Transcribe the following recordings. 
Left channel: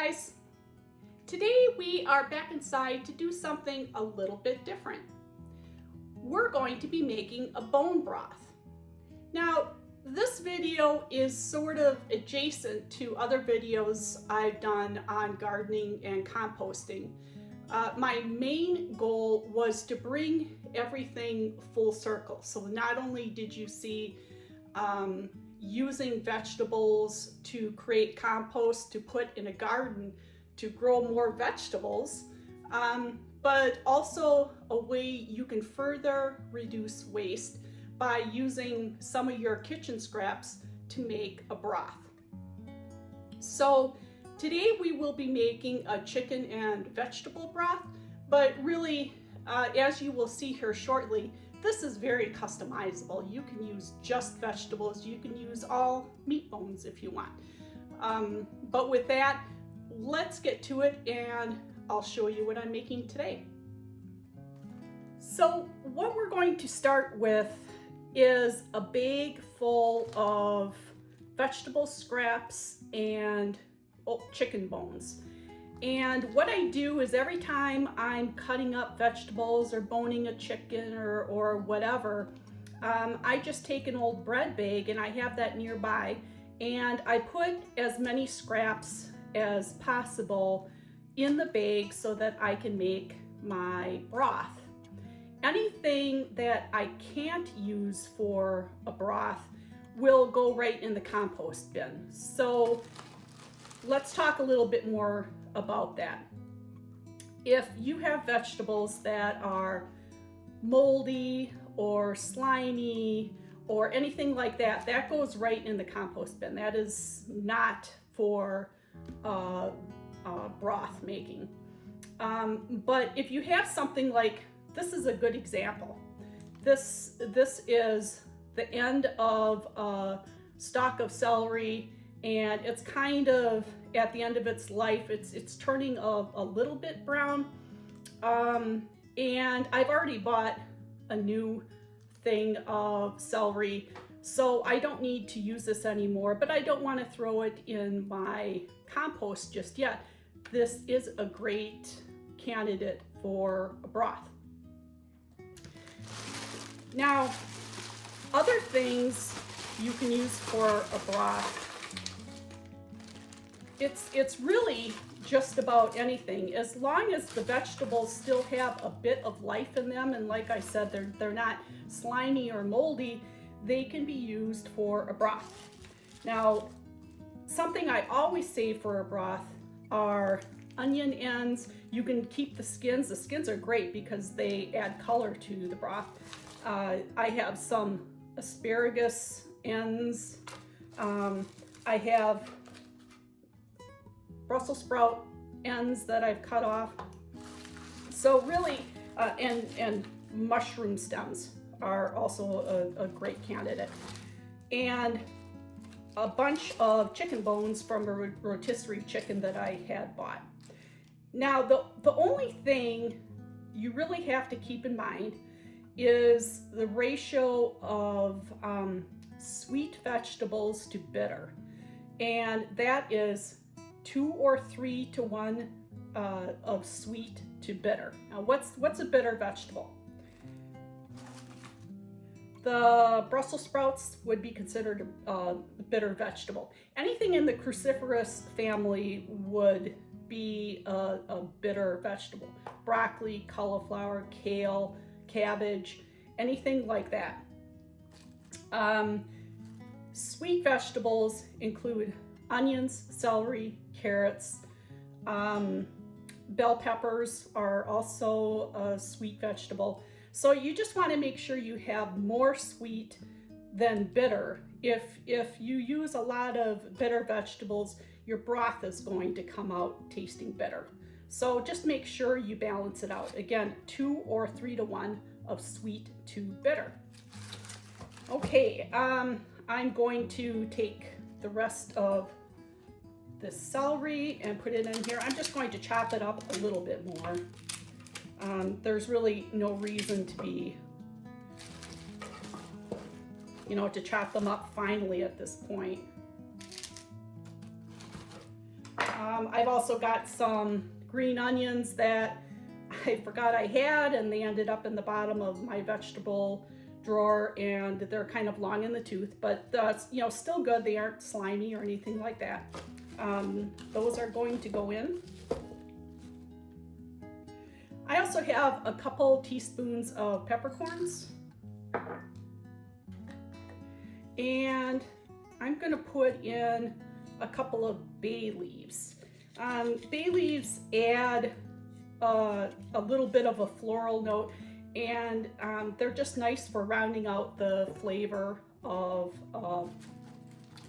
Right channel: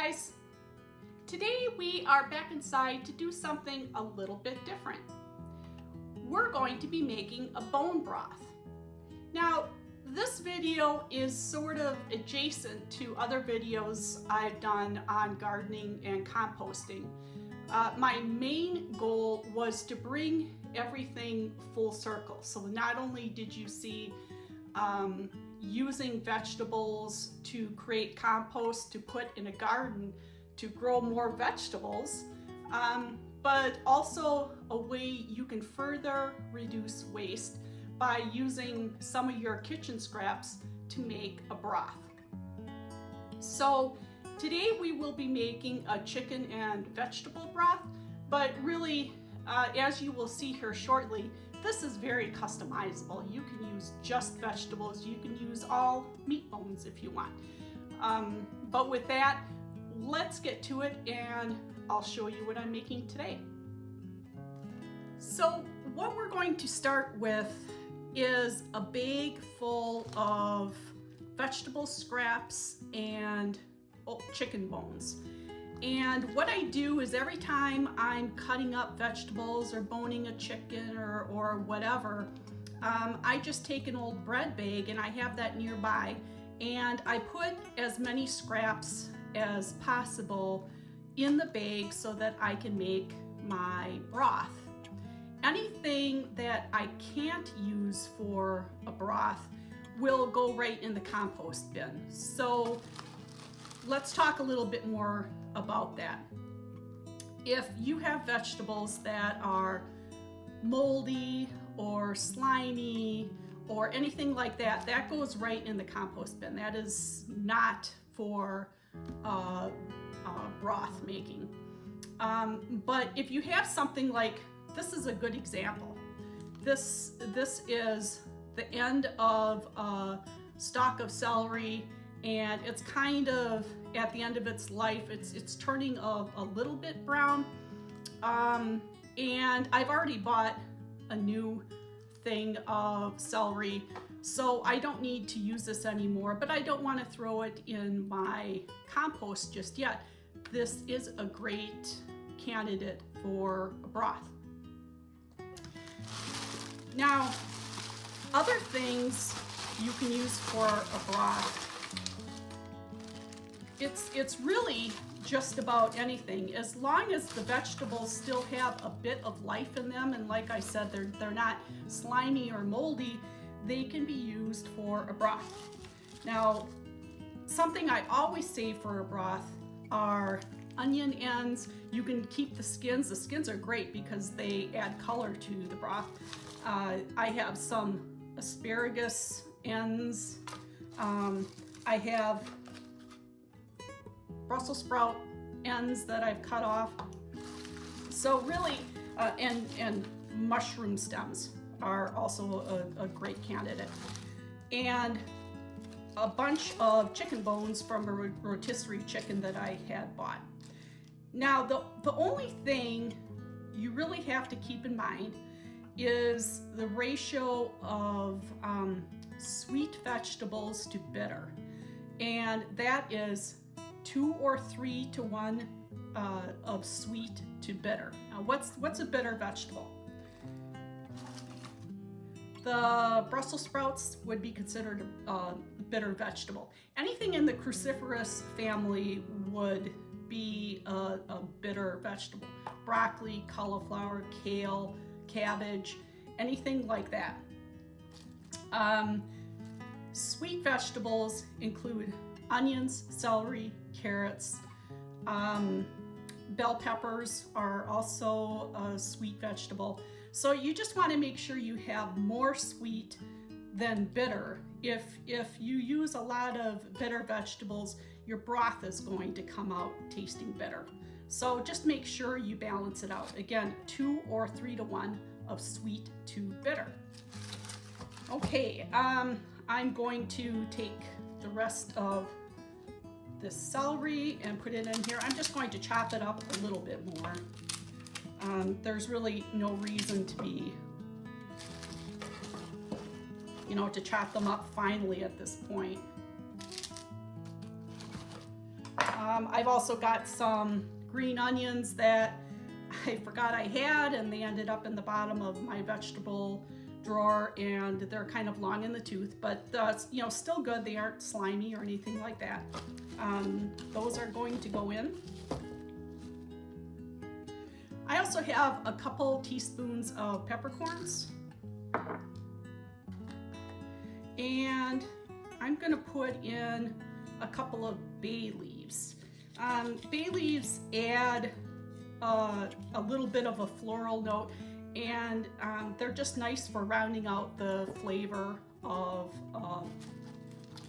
guys! Today we are back inside to do something a little bit different. We're going to be making a bone broth. Now, this video is sort of adjacent to other videos I've done on gardening and composting. My main goal was to bring everything full circle. So not only did you see using vegetables to create compost to put in a garden to grow more vegetables, but also a way you can further reduce waste by using some of your kitchen scraps to make a broth. So today we will be making a chicken and vegetable broth, but really, as you will see here shortly, this is very customizable. You can use just vegetables. You can use all meat bones if you want. But with that, let's get to it and I'll show you what I'm making today. So what we're going to start with is a bag full of vegetable scraps and chicken bones. And what I do is every time I'm cutting up vegetables or boning a chicken or whatever, I just take an old bread bag, and I have that nearby, and I put as many scraps as possible in the bag so that I can make my broth. Anything that I can't use for a broth will go right in the compost bin. So let's talk a little bit more about that. If you have vegetables that are moldy or slimy or anything like that, that goes right in the compost bin. That is not for broth making. But if you have something like, this is a good example. This is the end of a stalk of celery, and it's kind of at the end of its life. It's turning a little bit brown, and I've already bought a new thing of celery, so I don't need to use this anymore, but I don't want to throw it in my compost just yet. This is a great candidate for a broth. Now, other things you can use for a broth, it's really just about anything, as long as the vegetables still have a bit of life in them, and like I said, they're not slimy or moldy, they can be used for a broth. Now, something I always save for a broth are onion ends. You can keep the skins. The skins are great because they add color to the broth. I have some asparagus ends. I have Brussels sprout ends that I've cut off. So really, and mushroom stems are also a great candidate. And a bunch of chicken bones from a rotisserie chicken that I had bought. Now, the only thing you really have to keep in mind is the ratio of sweet vegetables to bitter. And that is 2 or 3 to 1 of sweet to bitter. Now, what's a bitter vegetable? The Brussels sprouts would be considered a bitter vegetable. Anything in the cruciferous family would be a bitter vegetable. Broccoli, cauliflower, kale, cabbage, anything like that. Sweet vegetables include onions, celery, carrots. Bell peppers are also a sweet vegetable. So you just want to make sure you have more sweet than bitter. If you use a lot of bitter vegetables, your broth is going to come out tasting bitter. So just make sure you balance it out. Again, 2 or 3 to 1 of sweet to bitter. Okay, I'm going to take the rest of this celery and put it in here. I'm just going to chop it up a little bit more. There's really no reason to be, to chop them up finely at this point. I've also got some green onions that I forgot I had, and they ended up in the bottom of my vegetable drawer, and they're kind of long in the tooth, but still good. They aren't slimy or anything like that. Those are going to go in. I also have a couple teaspoons of peppercorns, and I'm going to put in a couple of bay leaves. Bay leaves add a little bit of a floral note, and they're just nice for rounding out the flavor of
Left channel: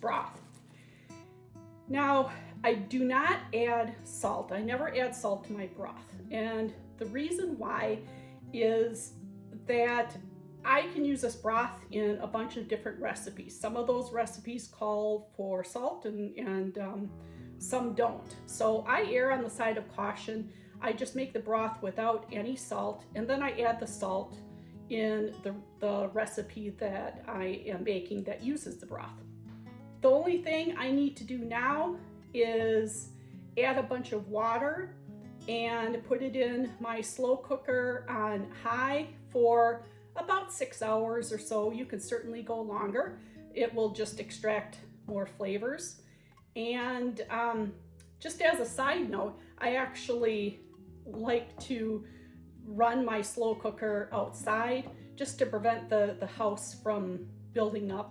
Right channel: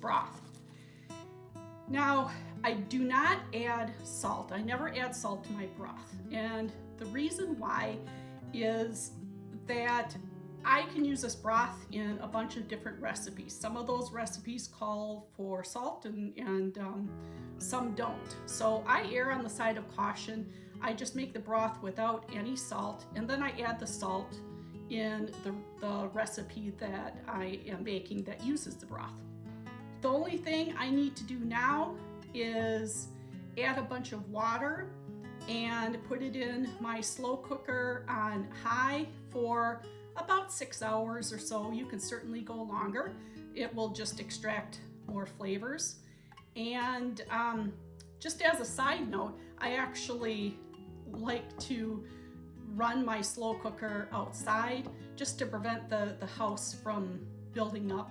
broth. Now, I do not add salt. I never add salt to my broth, and the reason why is that I can use this broth in a bunch of different recipes. Some of those recipes call for salt, and some don't. So I err on the side of caution. I just make the broth without any salt, and then I add the salt in the recipe that I am baking that uses the broth. The only thing I need to do now is add a bunch of water and put it in my slow cooker on high for about 6 hours or so. You can certainly go longer. It will just extract more flavors. And just as a side note, I actually like to run my slow cooker outside just to prevent the house from building up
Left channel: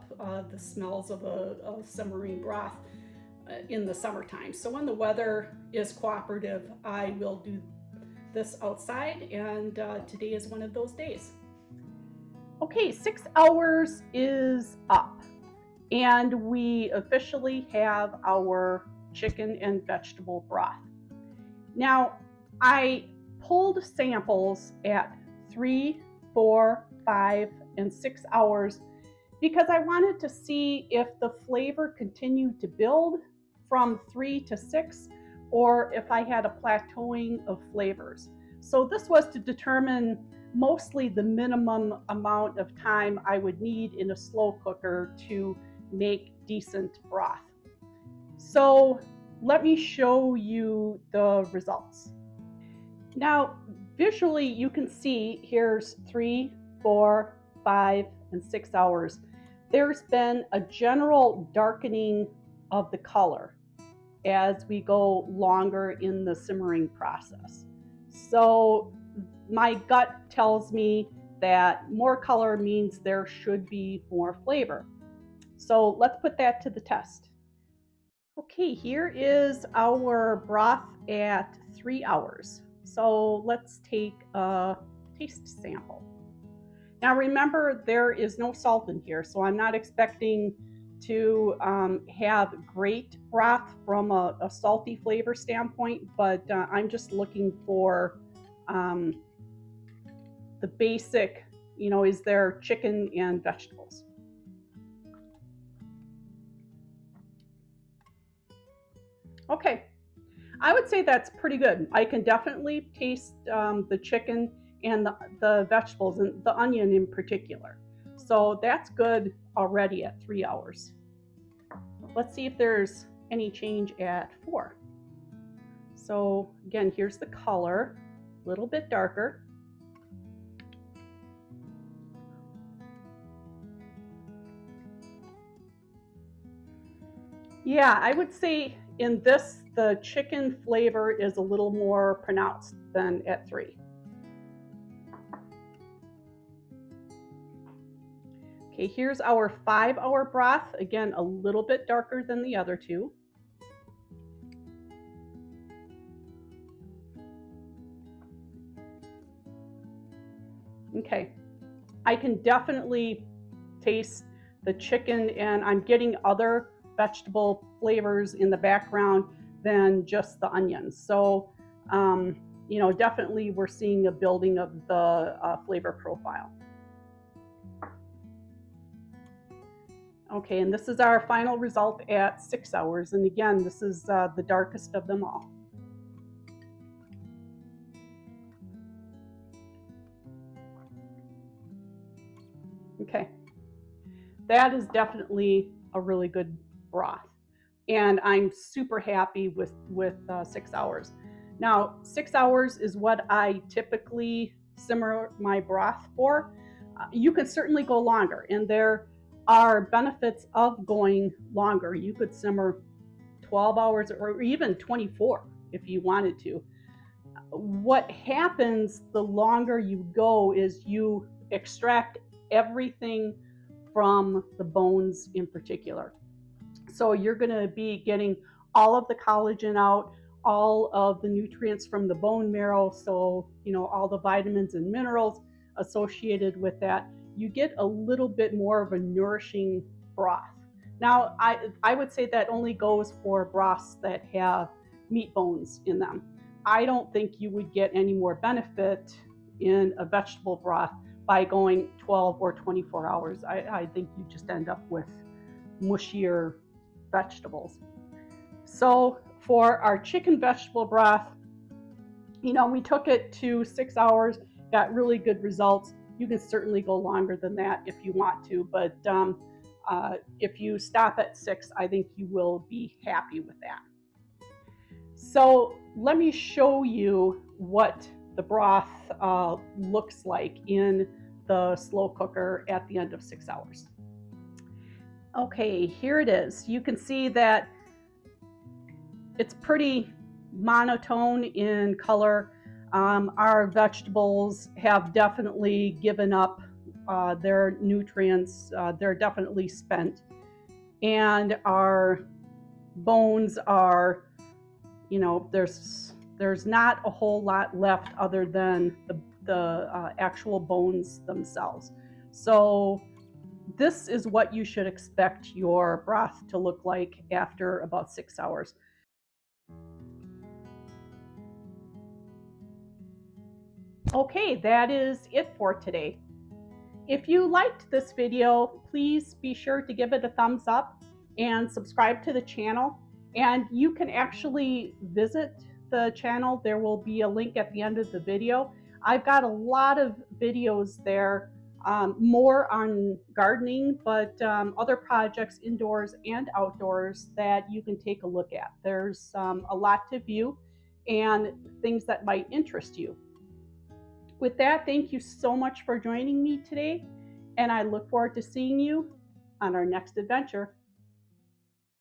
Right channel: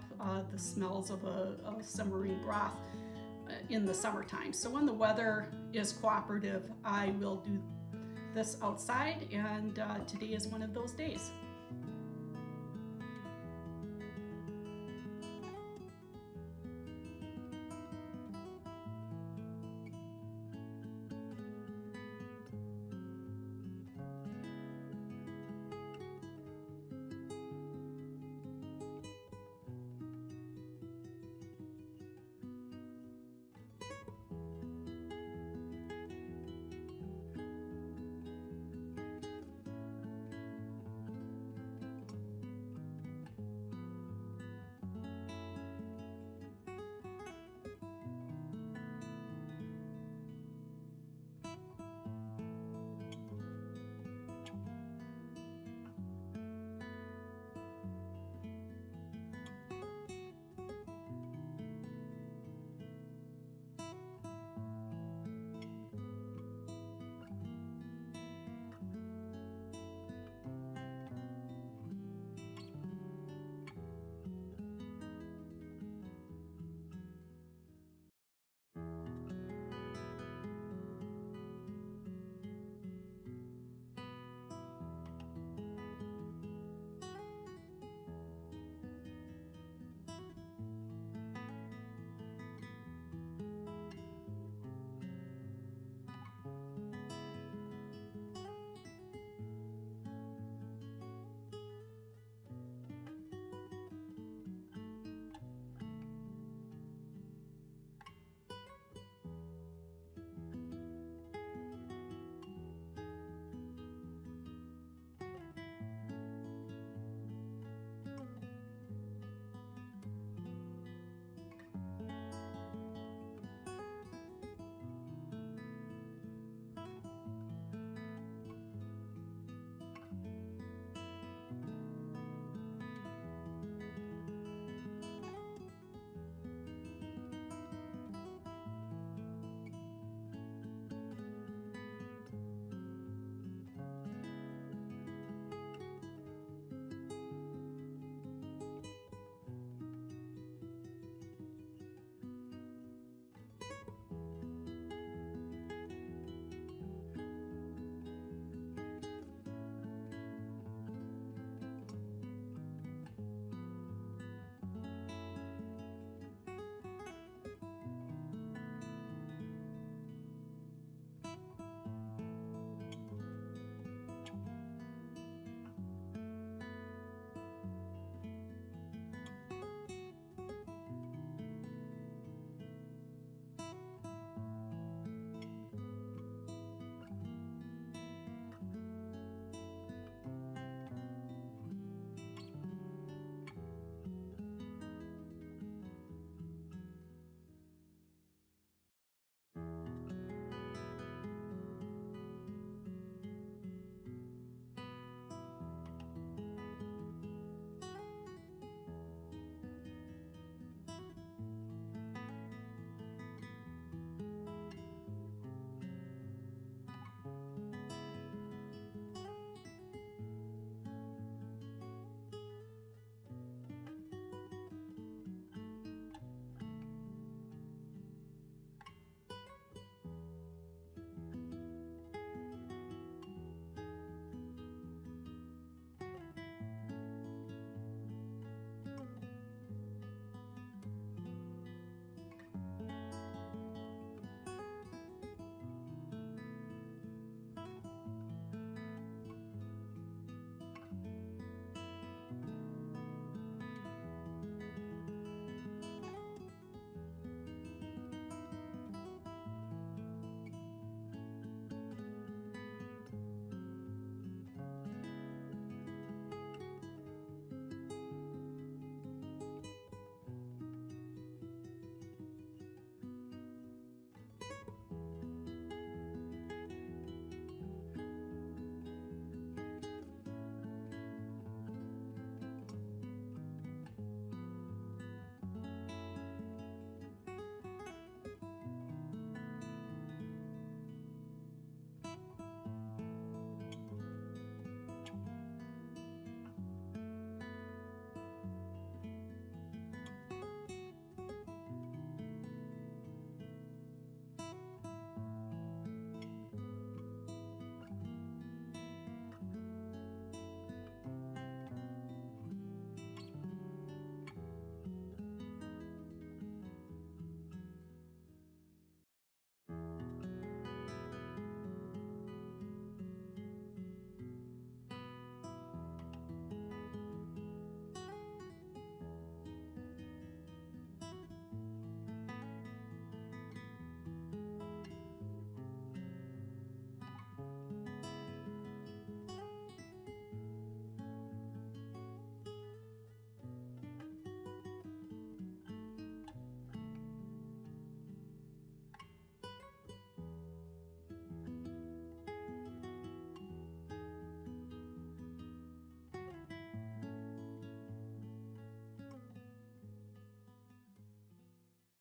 the smells of a simmering broth in the summertime. So when the weather is cooperative, I will do this outside, and today is one of those days. Okay, 6 hours is up, and we officially have our chicken and vegetable broth. Now, I pulled samples at 3, 4, 5, and 6 hours because I wanted to see if the flavor continued to build from 3 to 6 or if I had a plateauing of flavors. So this was to determine mostly the minimum amount of time I would need in a slow cooker to make decent broth. So let me show you the results. Now, visually you can see here's 3, 4, 5, and 6 hours. There's been a general darkening of the color as we go longer in the simmering process. So my gut tells me that more color means there should be more flavor. So let's put that to the test. Okay, here is our broth at 3 hours. So let's take a taste sample. Now remember, there is no salt in here, so I'm not expecting to have great broth from a salty flavor standpoint, but I'm just looking for the basic, is there chicken and vegetables? Okay, I would say that's pretty good. I can definitely taste the chicken and the vegetables, and the onion in particular. So that's good already at 3 hours. Let's see if there's any change at 4. So again, here's the color, a little bit darker. Yeah, I would say in this, the chicken flavor is a little more pronounced than at 3. Okay, here's our 5-hour broth. Again, a little bit darker than the other two. Okay, I can definitely taste the chicken, and I'm getting other vegetable flavors in the background than just the onions. So, definitely we're seeing a building of the flavor profile. Okay, and this is our final result at 6 hours. And again, this is the darkest of them all. Okay, that is definitely a really good broth. and I'm super happy with 6 hours. Now 6 hours is what I typically simmer my broth for. You could certainly go longer, and there are benefits of going longer. You could simmer 12 hours or even 24 if you wanted to. What happens the longer you go is you extract everything from the bones in particular. So you're going to be getting all of the collagen out, all of the nutrients from the bone marrow, so all the vitamins and minerals associated with that. You get a little bit more of a nourishing broth. Now, I would say that only goes for broths that have meat bones in them. I don't think you would get any more benefit in a vegetable broth by going 12 or 24 hours. I think you just end up with mushier vegetables. So for our chicken vegetable broth, we took it to 6 hours, got really good results. You can certainly go longer than that if you want to, but if you stop at 6, I think you will be happy with that. So let me show you what the broth looks like in the slow cooker at the end of 6 hours. Okay, here it is. You can see that it's pretty monotone in color. Our vegetables have definitely given up their nutrients. They're definitely spent. And our bones are, there's not a whole lot left other than the actual bones themselves. So this is what you should expect your broth to look like after about 6 hours. Okay, that is it for today. If you liked this video, please be sure to give it a thumbs up and subscribe to the channel. And you can actually visit the channel. There will be a link at the end of the video. I've got a lot of videos there, more on gardening, but other projects indoors and outdoors that you can take a look at. There's a lot to view and things that might interest you. With that, thank you so much for joining me today, and I look forward to seeing you on our next adventure.